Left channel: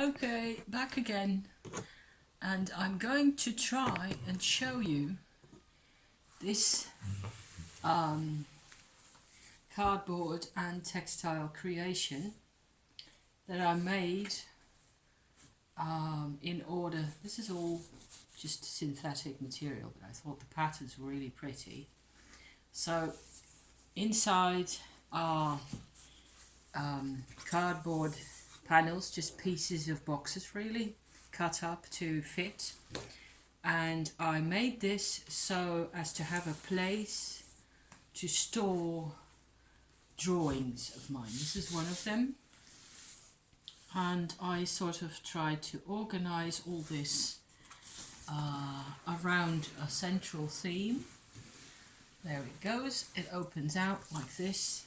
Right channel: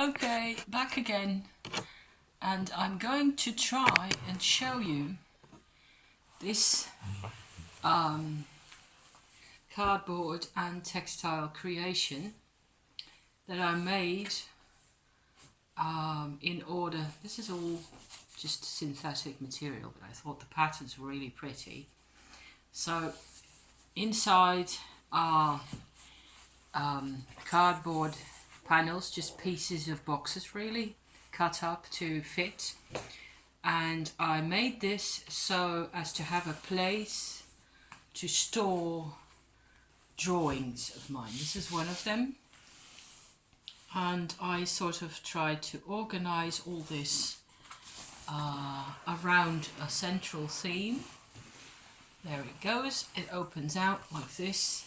Okay, back again, and I'm going to try and show you this cardboard and textile creation that I made in order. This is all just synthetic material, but I thought the patterns were really pretty. So inside are cardboard panels, just pieces of boxes really cut up to fit, and I made this so as to have a place to store drawings of mine. This is one of them, and I sort of tried to organize all this around a central theme. There it goes. It opens out like this.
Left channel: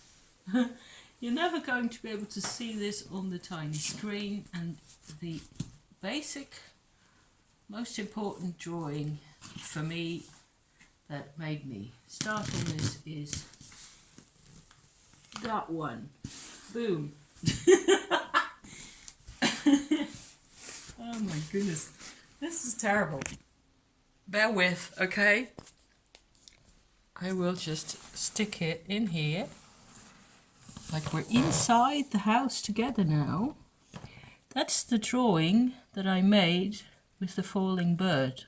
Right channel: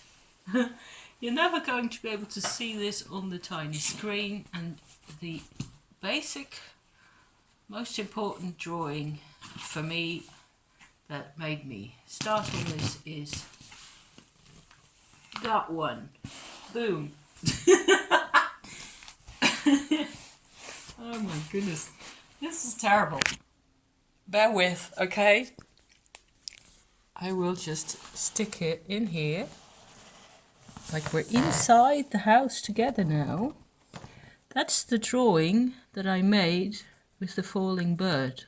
You're never going to be able to see this on the tiny screen, and the basic, most important drawing for me that made me start on this is that one. Boom. Oh my goodness. This is terrible. Bear with, okay? I will just stick it in here. Like we're inside the house together now. That's the drawing that I made with the falling bird.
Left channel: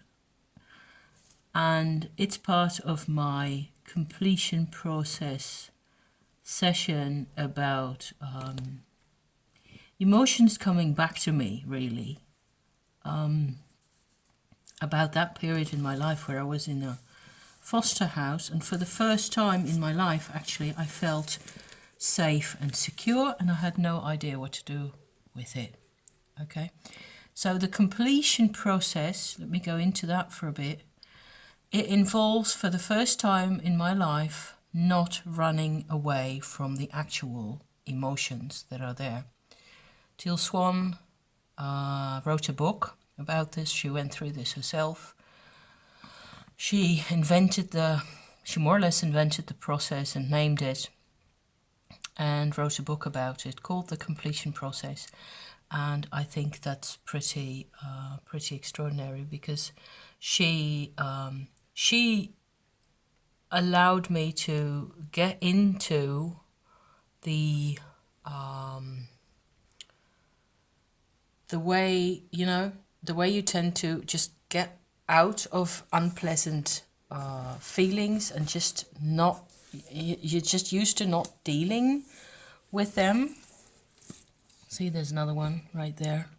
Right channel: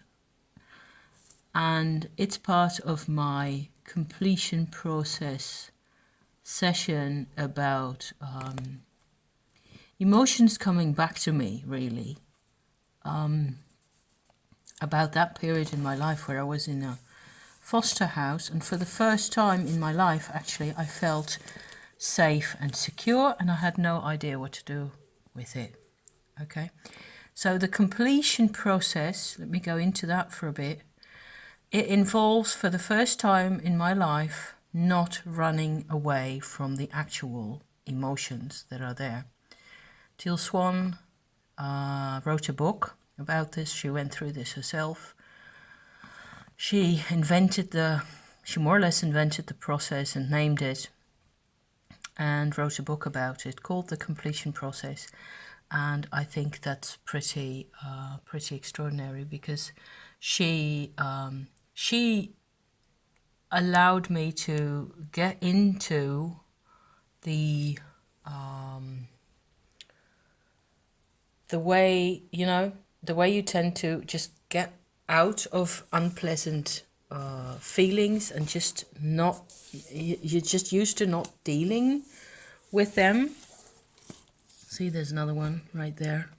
And it's part of my completion process session about emotions coming back to me, really. About that period in my life where I was in a foster house, and for the first time in my life, actually, I felt safe and secure, and I had no idea what to do with it. Okay, so the completion process, let me go into that for a bit. It involves, for the first time in my life, not running away from the actual emotions that are there. Teal Swan wrote a book about this. She went through this herself. She more or less invented the process and named it, and wrote a book about it called The Completion Process. And I think that's pretty extraordinary, because she allowed me to get into the way, the way you tend to just get out of unpleasant feelings and just not, you're just used to not dealing with them. See, there's another one right there,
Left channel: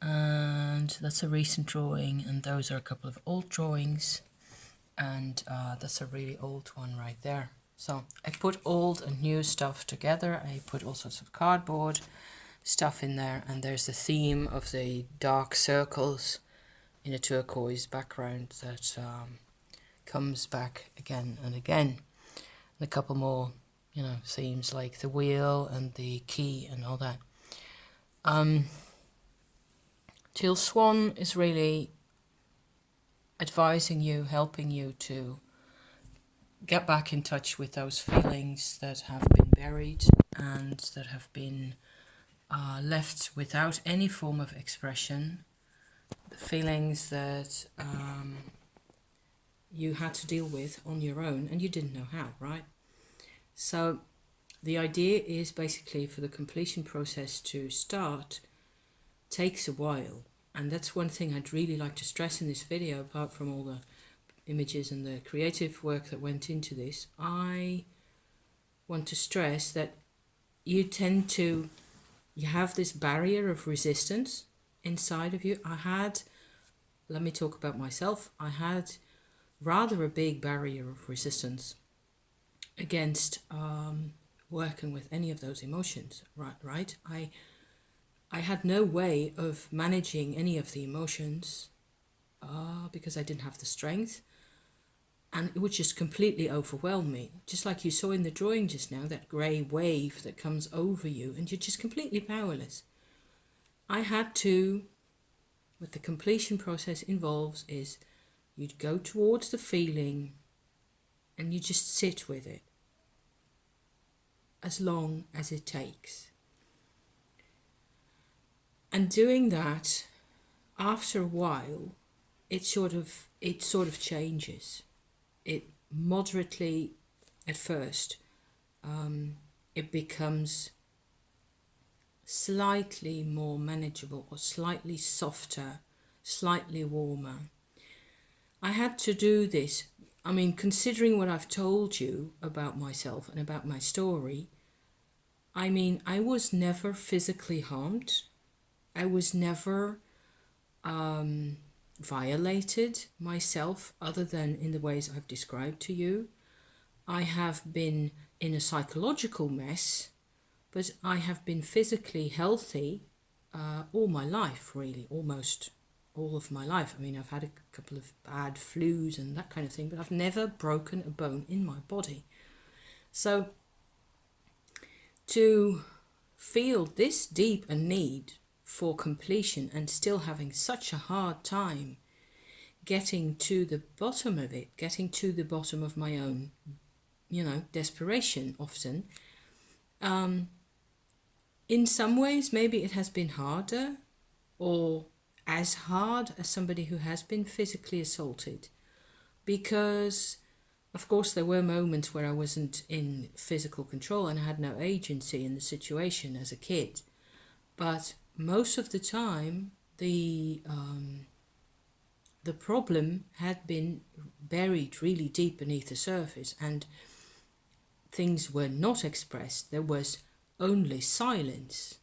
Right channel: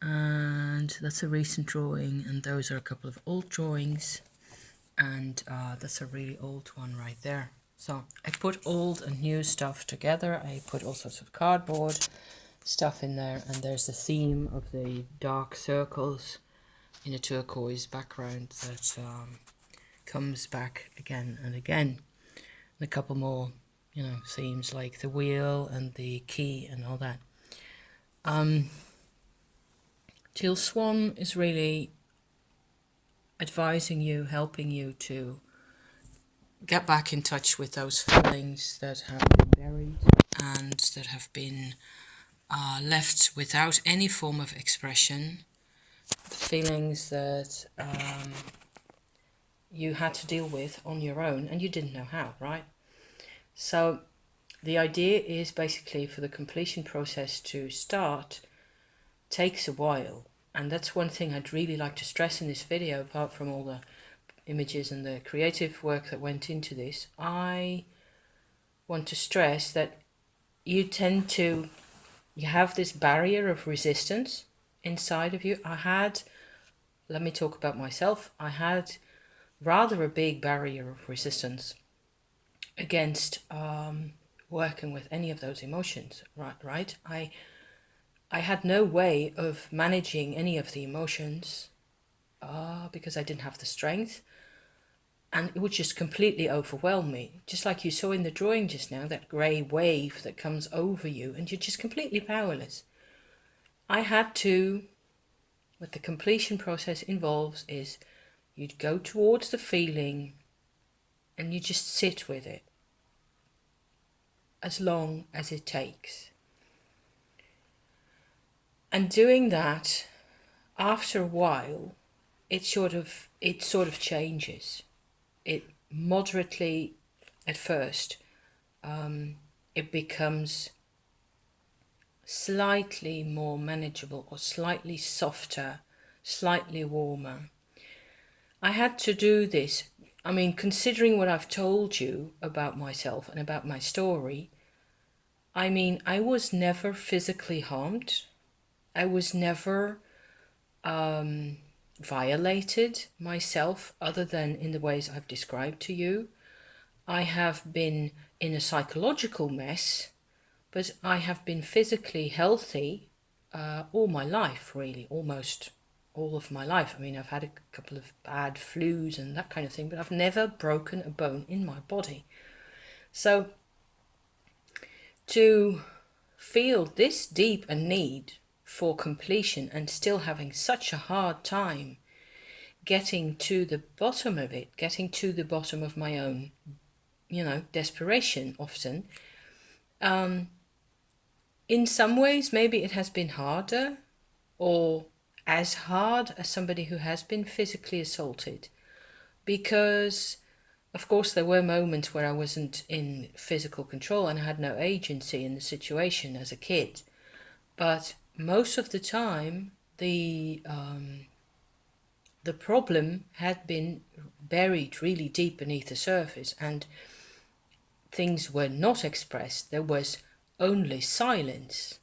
and that's a recent drawing, and those are a couple of old drawings, and that's a really old one right there. So I put old and new stuff together. I put all sorts of cardboard stuff in there, and there's the theme of the dark circles in a turquoise background that comes back again and again, and a couple more themes like the wheel and the key and all that. Teal Swan is really advising you, helping you to get back in touch with those feelings that have been buried and that have been left without any form of expression, the feelings that you had to deal with on your own and you didn't know how, right? So the idea is basically for the completion process to start takes a while, and that's one thing I'd really like to stress in this video, apart from all the images and the creative work that went into this. I want to stress that you have this barrier of resistance inside of you. Let me talk about myself. I had rather a big barrier of resistance against working with any of those emotions, right? I had no way of managing any of the emotions because I didn't have the strength, and it would just completely overwhelm me. Just like you saw in the drawing just now, that grey wave that comes over you and you're just completely powerless. I had to, what the completion process involves is you'd go towards the feeling and you just sit with it as long as it takes. And doing that, after a while, it sort of changes. It moderately, at first, it becomes slightly more manageable or slightly softer, slightly warmer. I had to do this. I mean, considering what I've told you about myself and about my story, I mean, I was never physically harmed. I was never violated myself other than in the ways I've described to you. I have been in a psychological mess, but I have been physically healthy all my life, really, almost all of my life. I mean, I've had a couple of bad flus and that kind of thing, but I've never broken a bone in my body. So to feel this deep a need for completion and still having such a hard time getting to the bottom of it, getting to the bottom of my own, desperation often. In some ways, maybe it has been harder or as hard as somebody who has been physically assaulted, because of course there were moments where I wasn't in physical control and I had no agency in the situation as a kid. But most of the time, the problem had been buried really deep beneath the surface, and things were not expressed. There was only silence.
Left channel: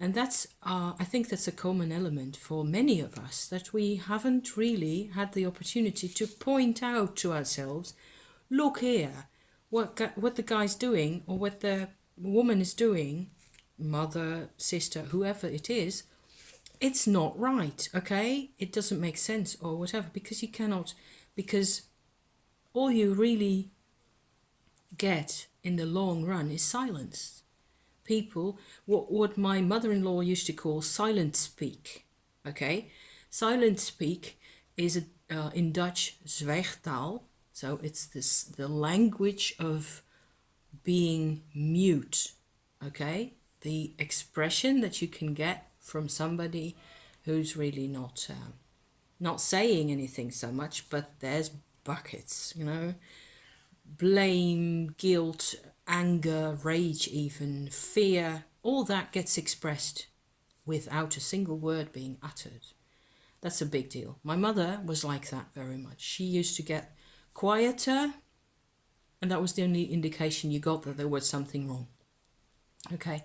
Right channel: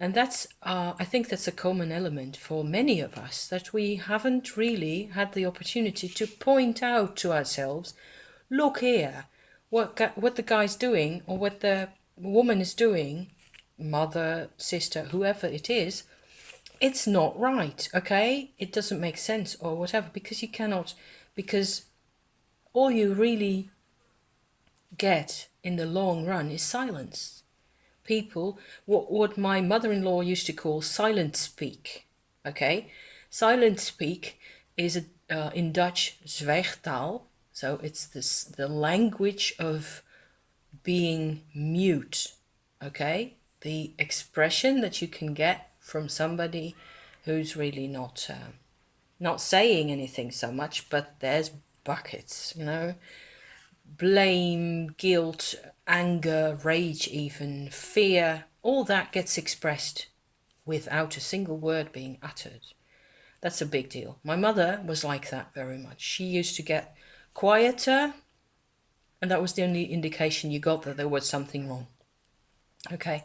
And that's, I think that's a common element for many of us, that we haven't really had the opportunity to point out to ourselves, look here, what the guy's doing or what the woman is doing, mother, sister, whoever it is, it's not right, okay? It doesn't make sense or whatever, because you cannot, because all you really get in the long run is silence. People, what my mother-in-law used to call silent speak, okay? Silent speak is in Dutch zwijgtaal, so it's the language of being mute, okay? The expression that you can get from somebody who's really not saying anything so much, but there's buckets, blame, guilt, anger, rage, even fear, all that gets expressed without a single word being uttered. That's a big deal. My mother was like that very much. She used to get quieter, and that was the only indication you got that there was something wrong. Okay,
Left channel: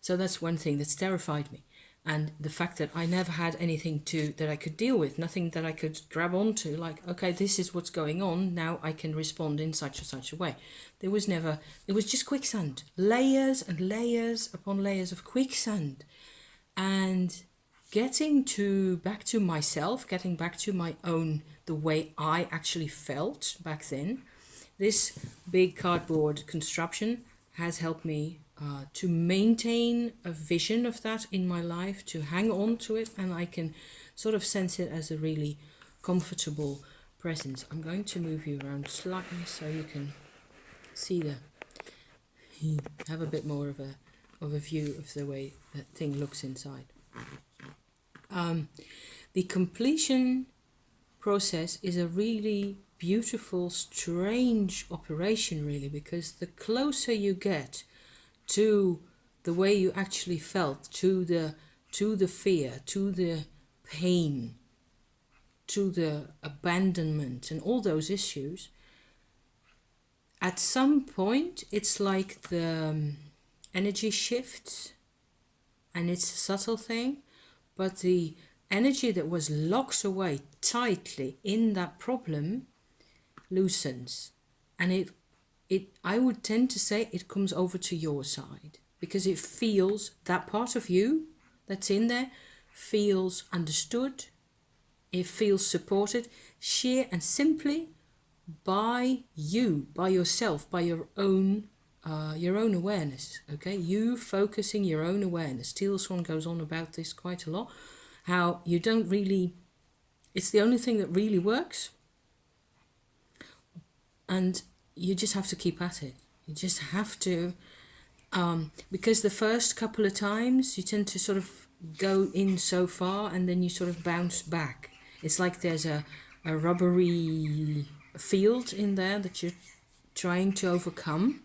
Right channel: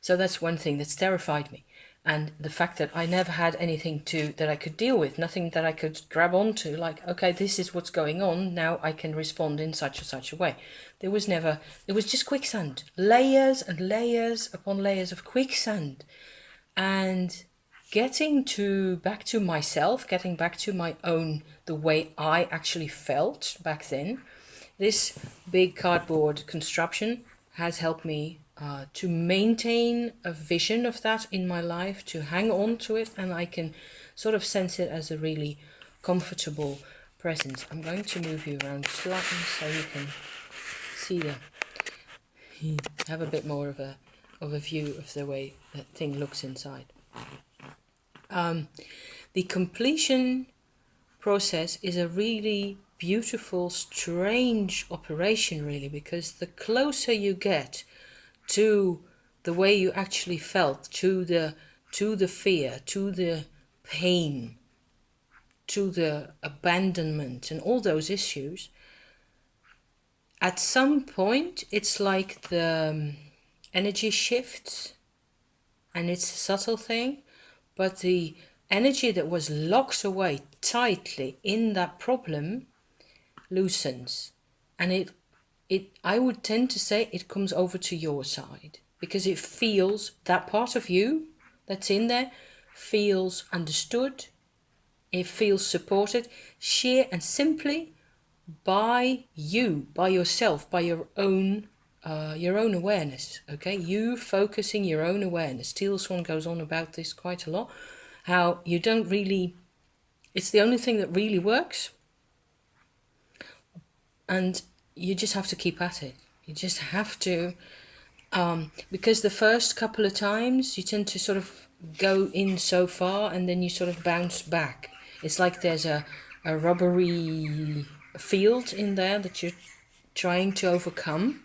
so that's one thing that's terrified me. And the fact that I never had anything that I could deal with, nothing that I could grab onto, like, okay, this is what's going on, now I can respond in such and such a way. It was just quicksand, layers and layers upon layers of quicksand. And getting back to myself, getting back to my own, the way I actually felt back then, this big cardboard construction has helped me to maintain a vision of that in my life, to hang on to it, and I can sort of sense it as a really comfortable presence. I'm going to move you around slightly so you can see have a bit more of a view of the way that thing looks inside. The completion process is a really beautiful, strange operation, really, because the closer you get to the way you actually felt, to the fear, to the pain, to the abandonment and all those issues, at some point it's like the energy shifts, and it's a subtle thing, but the energy that was locked away tightly in that problem loosens, and it I would tend to say it comes over to your side, because it feels, that part of you that's in there feels understood, it feels supported, sheer and simply by you, by yourself, by your own awareness, okay? You focusing your own awareness. Teal Swan goes on about this quite a lot, how you don't really, it's the only thing that really works, and you just have to keep at it. You just have to, because the first couple of times you tend to sort of go in so far and then you sort of bounce back. It's like there's a rubbery field in there that you're trying to overcome,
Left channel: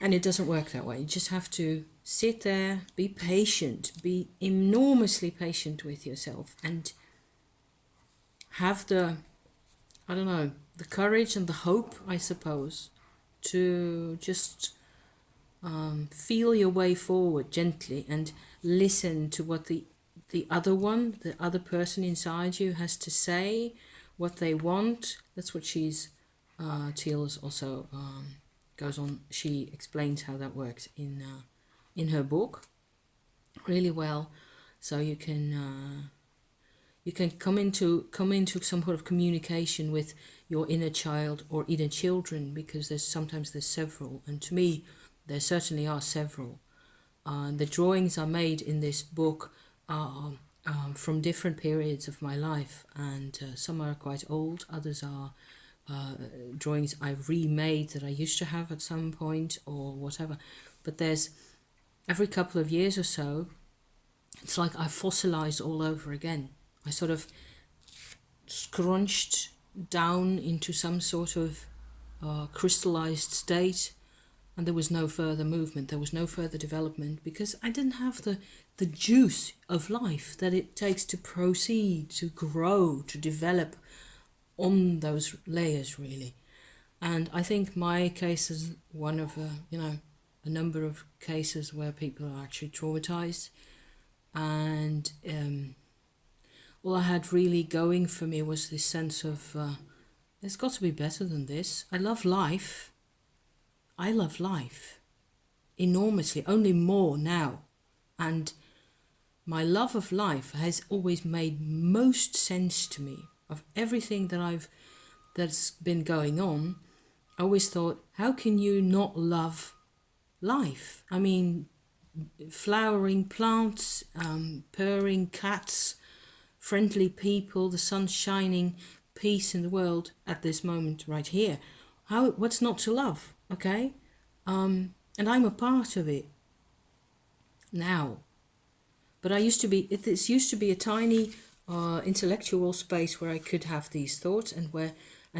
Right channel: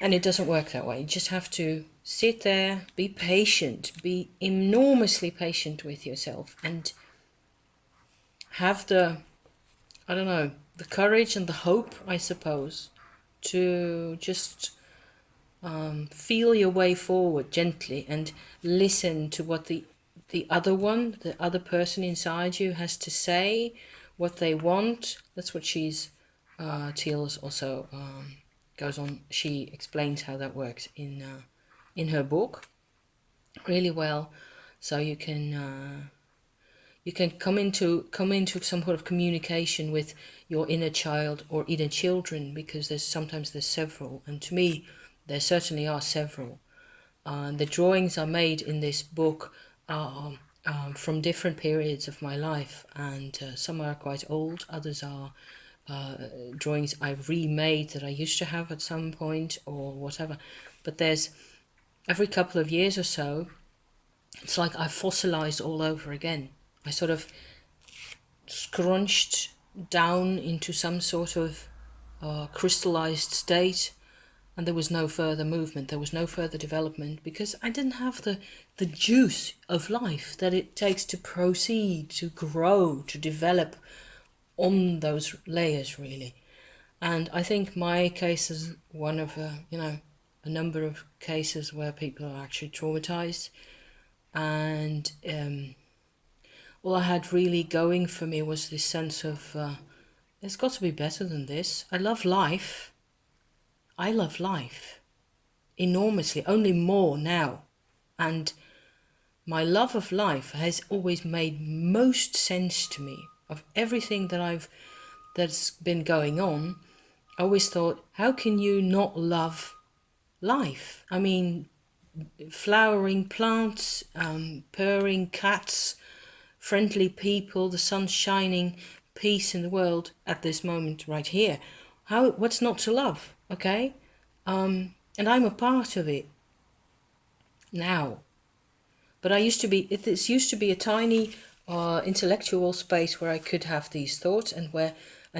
and it doesn't work that way. You just have to sit there, be patient, be enormously patient with yourself, and have the, I don't know, the courage and the hope, I suppose, to just feel your way forward gently and listen to what the other person inside you has to say, what they want. That's what Teals also goes on. She explains how that works in her book really well, so you can come into some sort of communication with your inner child or inner children, because there's several, and to me there certainly are several. The drawings I made in this book are from different periods of my life, and some are quite old, others are drawings I've remade that I used to have at some point or whatever. But there's, every couple of years or so, it's like I fossilized all over again. I sort of scrunched down into some sort of crystallized state, and there was no further movement, there was no further development, because I didn't have the juice of life that it takes to proceed, to grow, to develop on those layers, really. And I think my case is one of a number of cases where people are actually traumatized, and all I had really going for me was this sense of it's got to be better than this. I love life enormously, only more now. And my love of life has always made most sense to me. Of everything that's been going on, I always thought, how can you not love life? I mean, flowering plants, purring cats, friendly people, the sun shining, peace in the world at this moment right here. What's not to love? Okay? And I'm a part of it now. But it used to be a tiny intellectual space where I could have these thoughts, and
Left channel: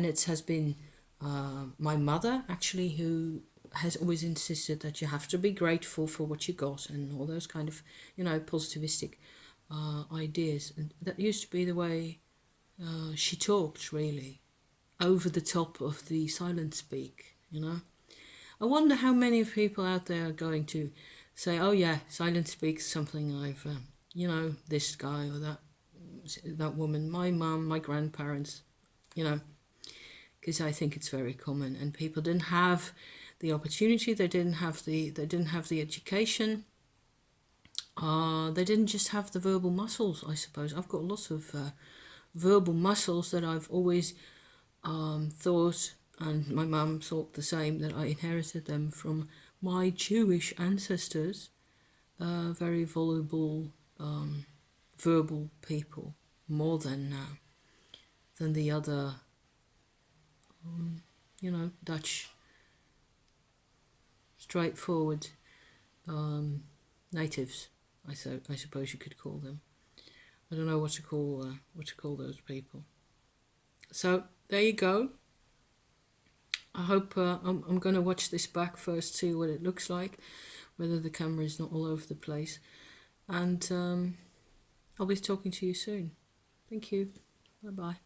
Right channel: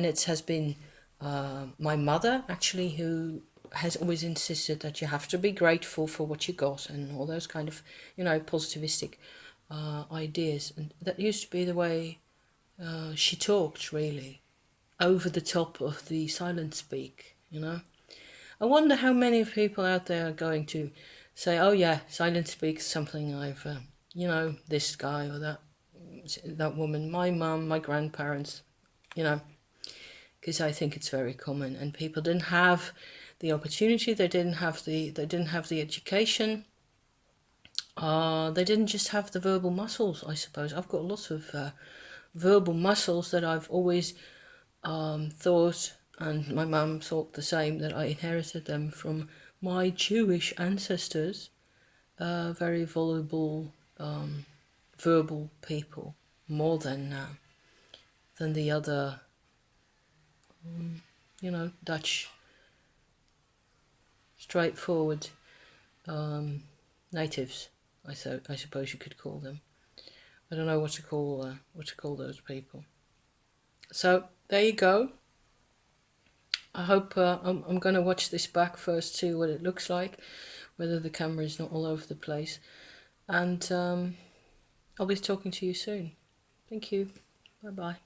it has been my mother actually who has always insisted that you have to be grateful for what you got and all those kind of, positivistic ideas. And that used to be the way she talked, really, over the top of the silent speak, I wonder how many of people out there are going to say, oh yeah, silent speak is something I've, this guy or that woman, my mum, my grandparents, because I think it's very common, and people didn't have the opportunity, they didn't have the education, they didn't just have the verbal muscles, I suppose. I've got lots of verbal muscles that I've always thought, and my mum thought the same, that I inherited them from my Jewish ancestors, very voluble, verbal people, more than the other, Dutch, straightforward natives. I suppose you could call them. I don't know what to call those people. So there you go. I hope I'm going to watch this back first, see what it looks like, whether the camera is not all over the place. And I'll be talking to you soon. Thank you. Bye-bye.